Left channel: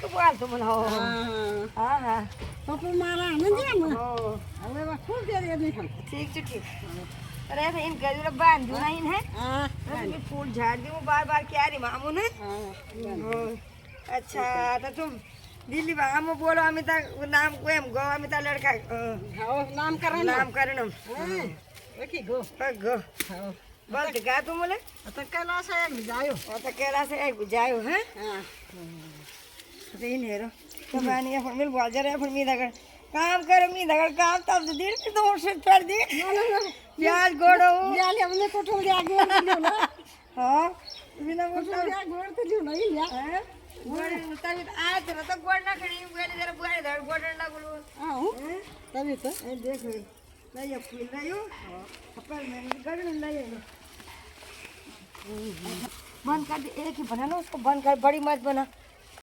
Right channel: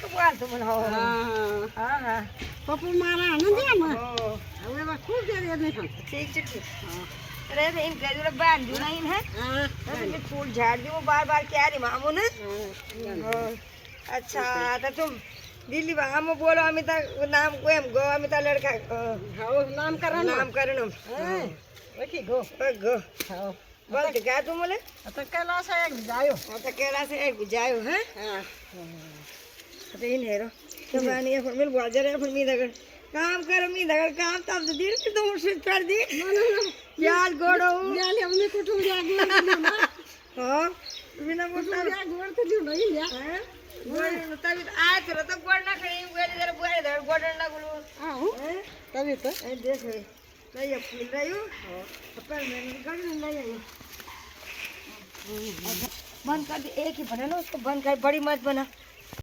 તો બોલ તો મને હા હા પપ્પુ મારા આનંદ છે ને હવે બસ ખૂબ દે નહીં ઠીક છે ઠીક અરે એમ કહેજો બાંધ્યું નહીં હે હા ફૂલ ઝાડ દઉં બાર ક્યારે મામો ને अच्छा तो तुम दिल्ली वहाँ में बोलो अमिता नाम को एम गो अमिता लड़का हाँ नाम करण ओके गो गो हाँ बोल तो क्या तुम बोले तो कैलाश है जायो तो केला से एक जायो हैं हाँ तो इन हेरो तो मानी अपन मिल बोल जा रहे अपन मी दगड़ काम कर मी दगड़ काम तब तो दिन की दो से कर दी यार गोड़ो यार हमने कोठो ले आगे ले ना हाँ बिना मोटो या गोड़ तो लियो नहीं या हैं गोड़ तभी आए तो गोड़ ना खड़ी गोड़ जरा बुआई दर गोड़ ना गुलू हाँ तभी तो ए देखो नहीं अब फूल रही हूँ अपन मैं निकल नहीं आई बंद कर दे एक ही बना ना उसको बंद कर बड़ी मत बना